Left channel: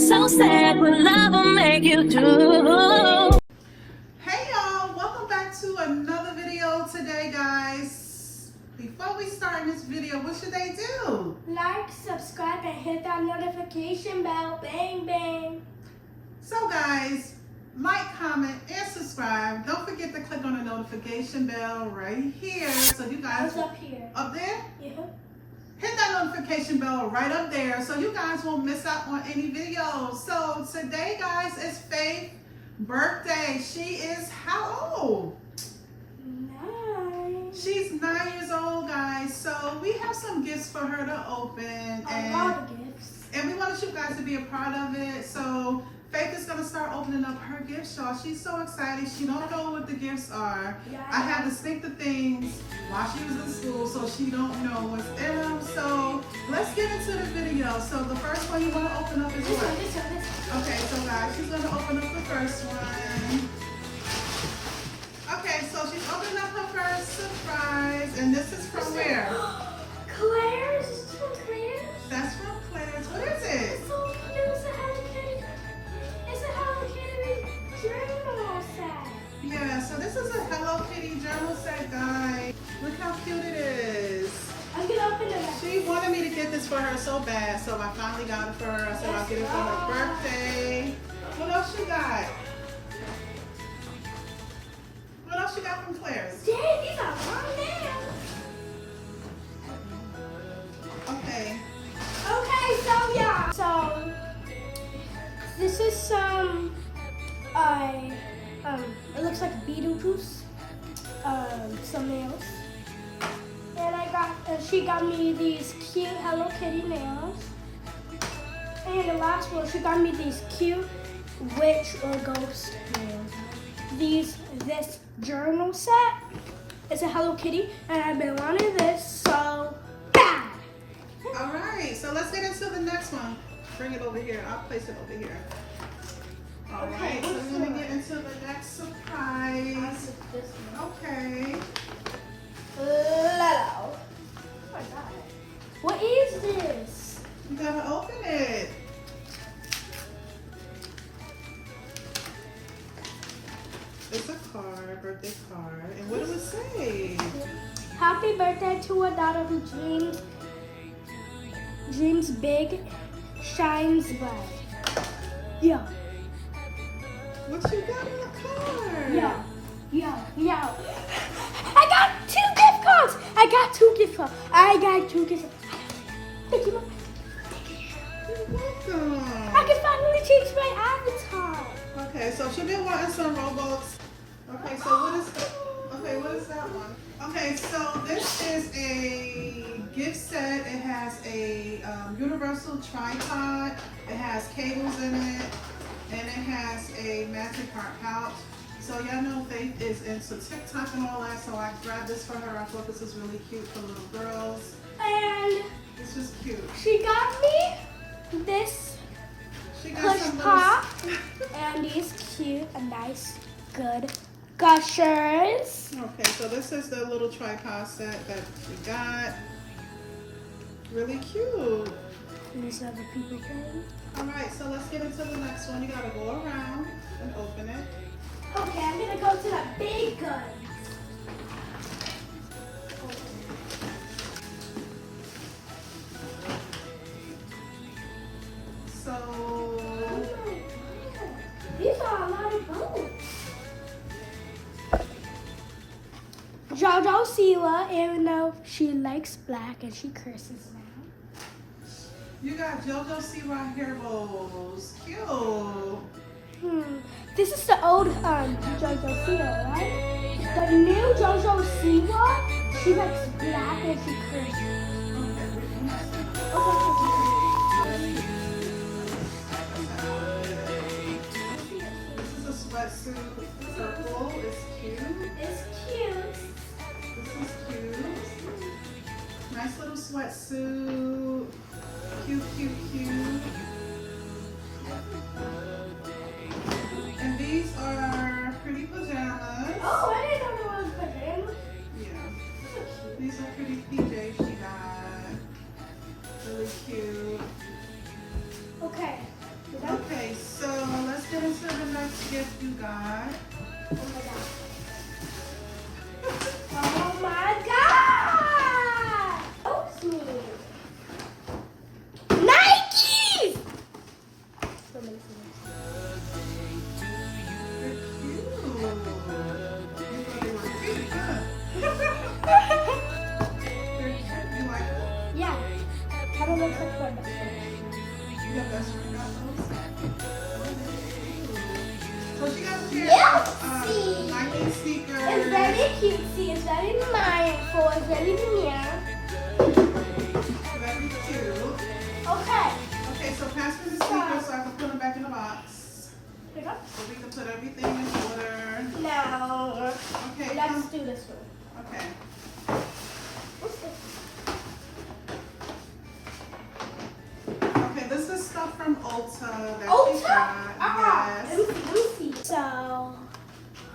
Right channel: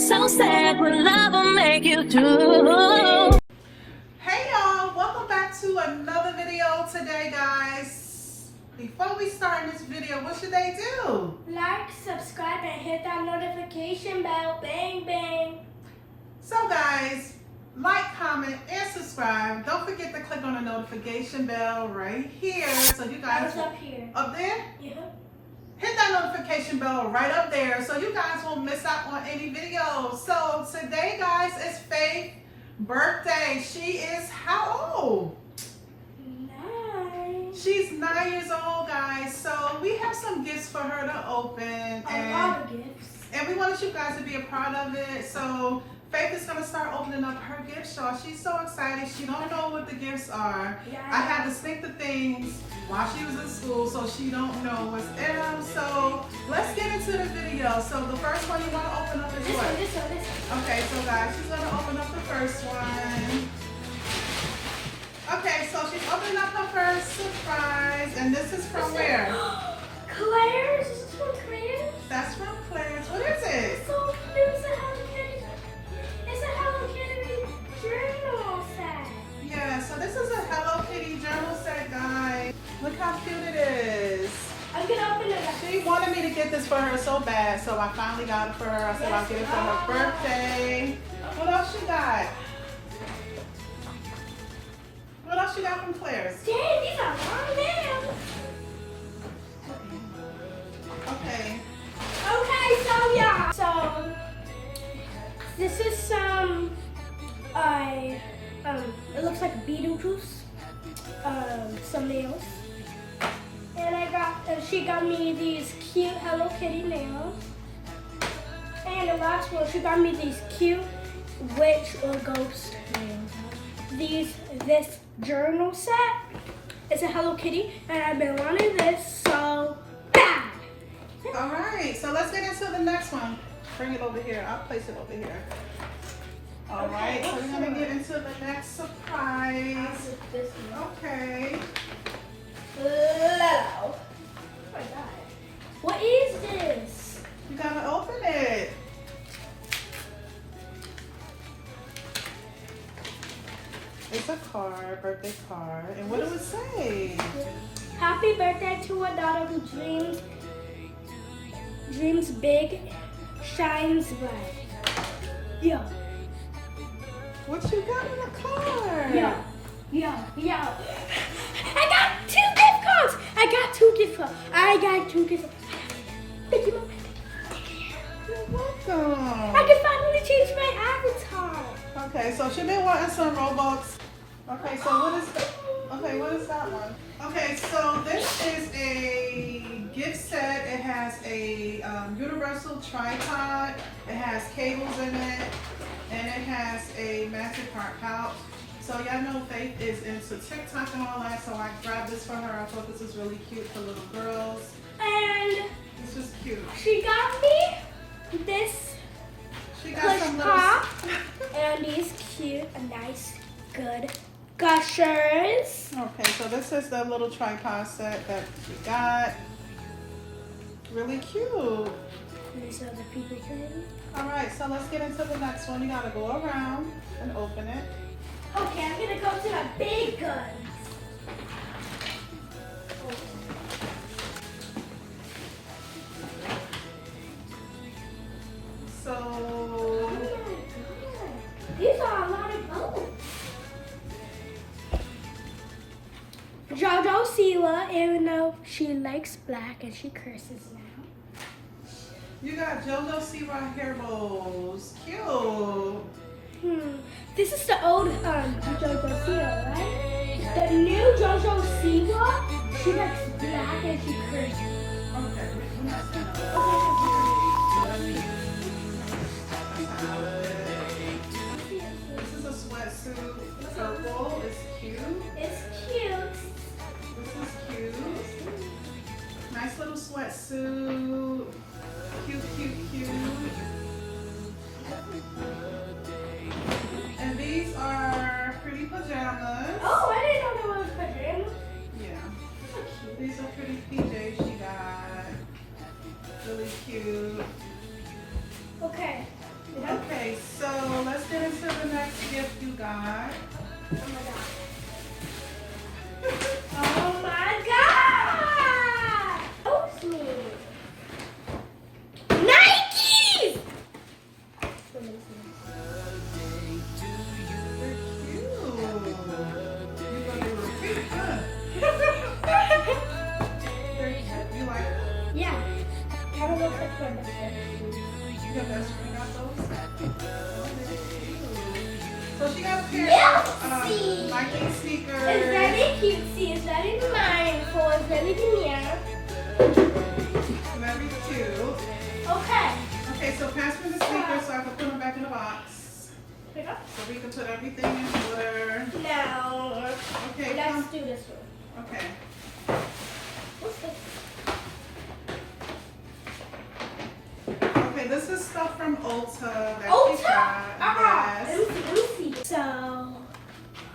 It's so sad what love will make you do. Hey y'all, welcome back to another video today, guys. Before we start this video, what should they do? Like, subscribe, and hit that notification bell. Bang, bang. So guys, like, comment, and subscribe. Don't forget to click on the notification bell right here so you guys... What's up here? Up there? Yeah. Hit that notification bell right up there so you guys won't miss out on any videos. So today, guys, is Faith's birthday. She is how old? 9. She's 9 years old, guys. So we have some gifts for her to open. A lot of gifts. And we wanted you guys to be a part of it. So Faith is going to start opening up her gifts, y'all. She's so excited. She don't know what the gifts are. Yeah, I had to sneak the things while she was in school so she don't know what's in them. So let's get into the video. So the first one you want to open up is This what? one, this one. Okay, so guys, she's going to open up the first one. Okay, so she's opening up her first surprise. And this is from where? Claire's. Is this from Claire's? That's from Claire's. What is it? It's so cute. It's a Hello Kitty. It's a Hello Kitty journal set. Yeah, so this is a Hello Kitty journal set, guys. Look how cute it is. I'm gonna open it up. She wanted me to get this for her so bad, so I finally got it for her. I said I'll get it for her birthday. What else you got? What else you got from Claire's? Dang, these are long nails. Okay. Okay, so yeah. So this is some it looks like Beetlejuice. Some nails. And she got me these cute Hello Kitty nails. And the last one, she got me these cute witch or ghost nails. This journal set. It's a Hello Kitty, and I've been wanting this so bad. All right, so let's get into the next one. Bring it over here. I'll place it over here. All right, so we're gonna get into the next surprise. Okay. Oh my god. What is this? You gotta open it. It's a card, birthday card. And what does it say? Happy birthday to a daughter who dreams big, shines bright. Yeah. What you got in the card? Yeah. I got 2 gift cards. I got 2 gift cards. Thank you, Mom. You're welcome. I can finally change my avatar. Okay, so she been wanting some Robux. Okay, so what is that one? Okay, so this is a gift set. It has a universal tripod. It has cables in it, and it has a magic heart pouch. So y'all know Faith is into TikTok and all that, so I grabbed this for her. I thought this was really cute for little girls. And It's just cute. she got me this She got push some pop and these cute, nice, good gushers. Okay, so this is the little tripod set that she got. Really cute. These are the people things. Alright, so let's get into the next one. You gotta go around and open it. Okay, I'm gonna go to the big guns. So, These are a lot of bones. Jojo Siwa, even though she likes black and she curses now. you got Jojo Siwa hair bows. Cute. This is the old Jojo Siwa, right? The new Jojo Siwa, she likes black and she curses. This is a sweatsuit. Purple. It's cute. It's cute. This is cute. Nice little sweatsuit. Cute. And these are pretty pajamas. Oh, I didn't know there was pajamas. Yeah. These are pretty PJs she got. Really cute. Yep, that's where I got those. So she got a pair Cutesy. of Nike sneakers. It's very cutesy. It's very mindful. It's very near. Very cute. Okay. Okay, so pass me the sneakers so I can put them back in the box. Here you go. So we can put everything in order. Now, Okay, let's do this one. Okay. What's this? Okay, this is stuff from Ulta that she Ulta? got. Yes. Let me see. So,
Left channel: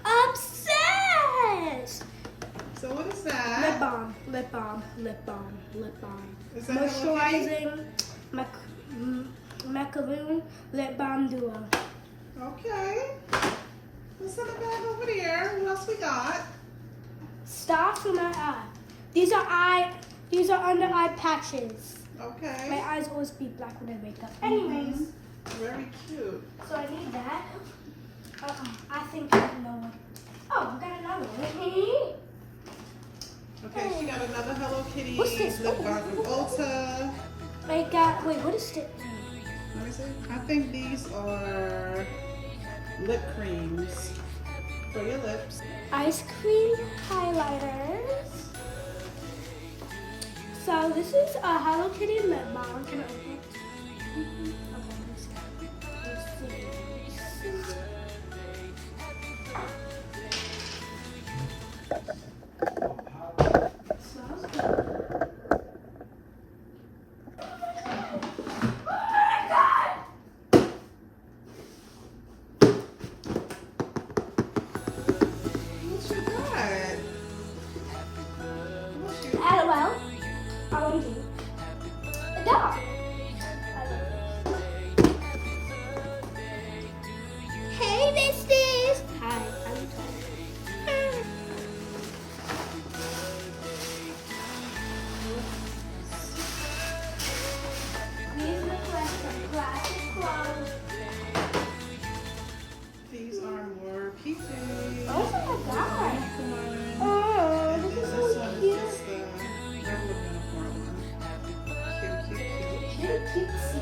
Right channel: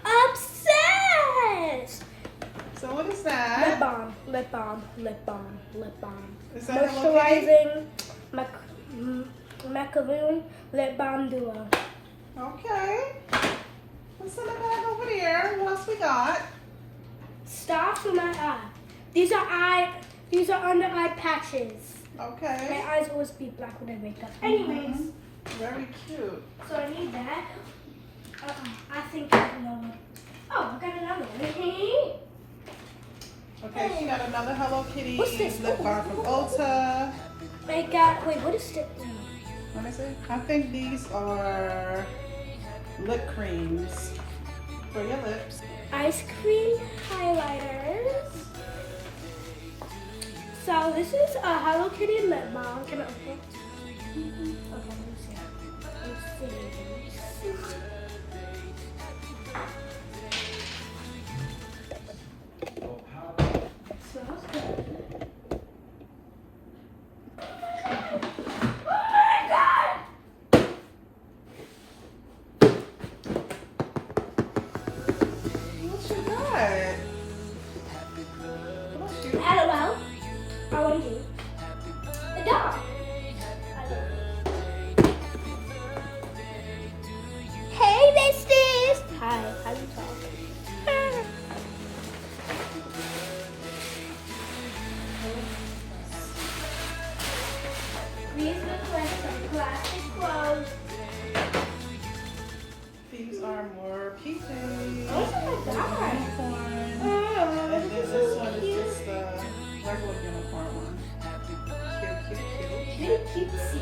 obsessed. So what is Lip that? balm, lip balm, lip balm, lip balm. Is that Hello Moisturizing macaroon lip balm duo. Okay. What's in the bag over there? What else we got? Stars for my eye. These are under eye patches. My Okay. eyes always be black when I wake up. Anyways, Very cute. so I need that. I think I know what. Oh, I got another one. Okay, she got another Hello Kitty What's this? lip balm from Ulta. I got, wait, what is it? What is it? I think these are lip creams for your lips. Ice cream highlighters. So this is a Hello Kitty lip balm. Can I open it? Okay, let me see. Let's see. Smells good. What you got? What's your LOL. OMG. A dog. Hey, besties. Hi, how you doing? These request some classic clothes. These are more peekers. Oh my god. And Oh, then this this is one so is cute. just the regular uniform one. Cute, cute, cute. Very cutesy.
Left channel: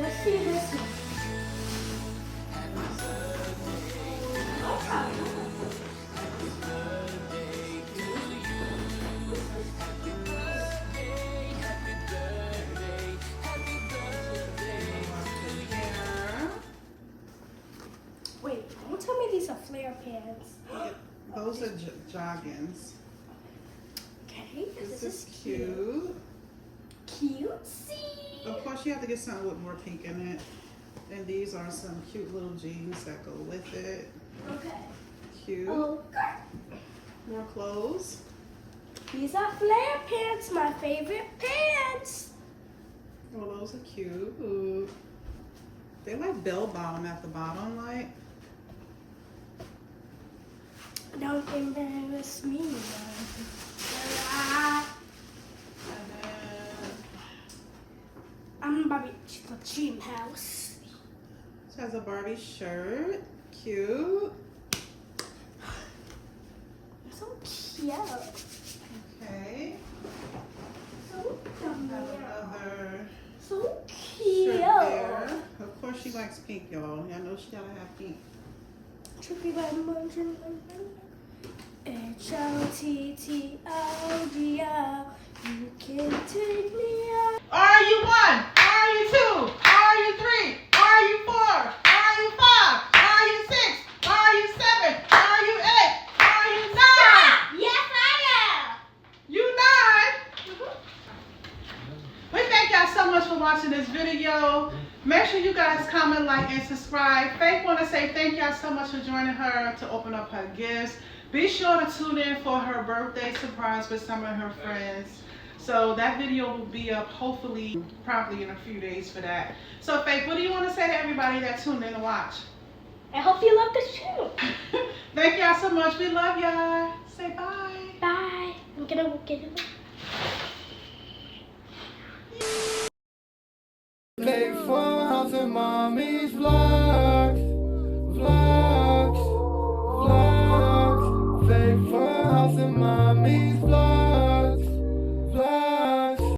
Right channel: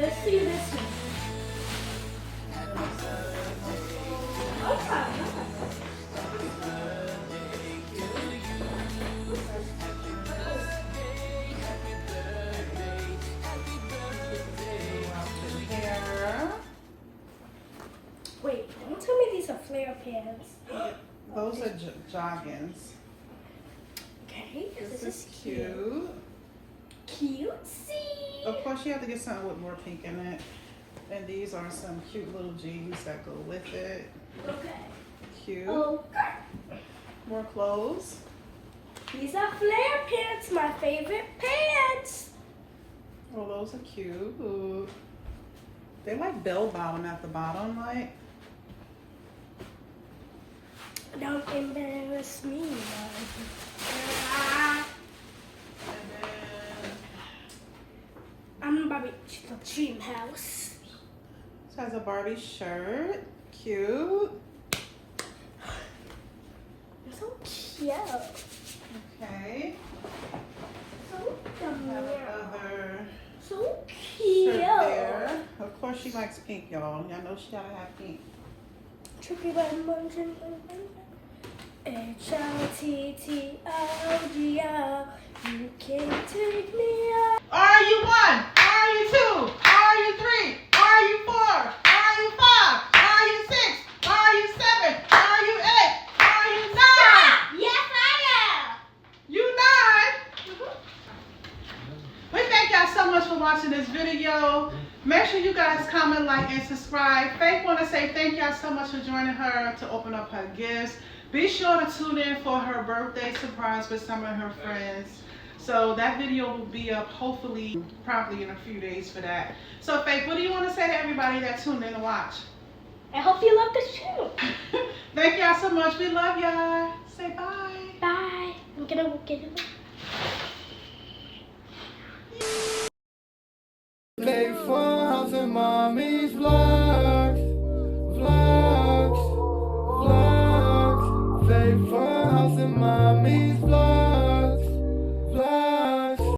Let's see this one. There. Wait, don't tell me these are flare pants. Those are joggings. Okay, This is cute. Cutesy. Of course, you have to get something with more pink in it. And these are some cute little jeans that go with it. Okay. Cute. Okay. More clothes. These are flare pants, my favorite pants. Oh, those are cute. Ooh. They like bell bottom at the bottom, like. Don't embarrass me, man. And then I'm Barbie the Dream House. this has a Barbie shirt. Cute. So cute. Okay. So Have cute. another So shirt cute. there. Of course, she likes pink, y'all. Y'all know she gotta have pink. Tricky motion. HLTTOGO. You can take me out. Are you 1? Are you 2? Are you 3? Are you 4? Are you 5? Are you 6? Are you 7? Are you 8? Are you 9? Yes, I am. You 9? We thank y'all so much for watching this video. Make sure you guys comment, like, and subscribe. Faith want to say thank y'all so much for joining her to open up her gifts. Be sure to tune in for her birthday surprise with some of her friends. So that video will be up hopefully probably in a few days for that. So Faith, what do you want to say to everybody that tuned in to watch? I hope you love this channel. Thank y'all so much. We love y'all. Say bye. Bye. I'm gonna get it. Faithful House and Mommy's vlogs, vlogs, vlogs. Faithful House and Mommy's vlogs.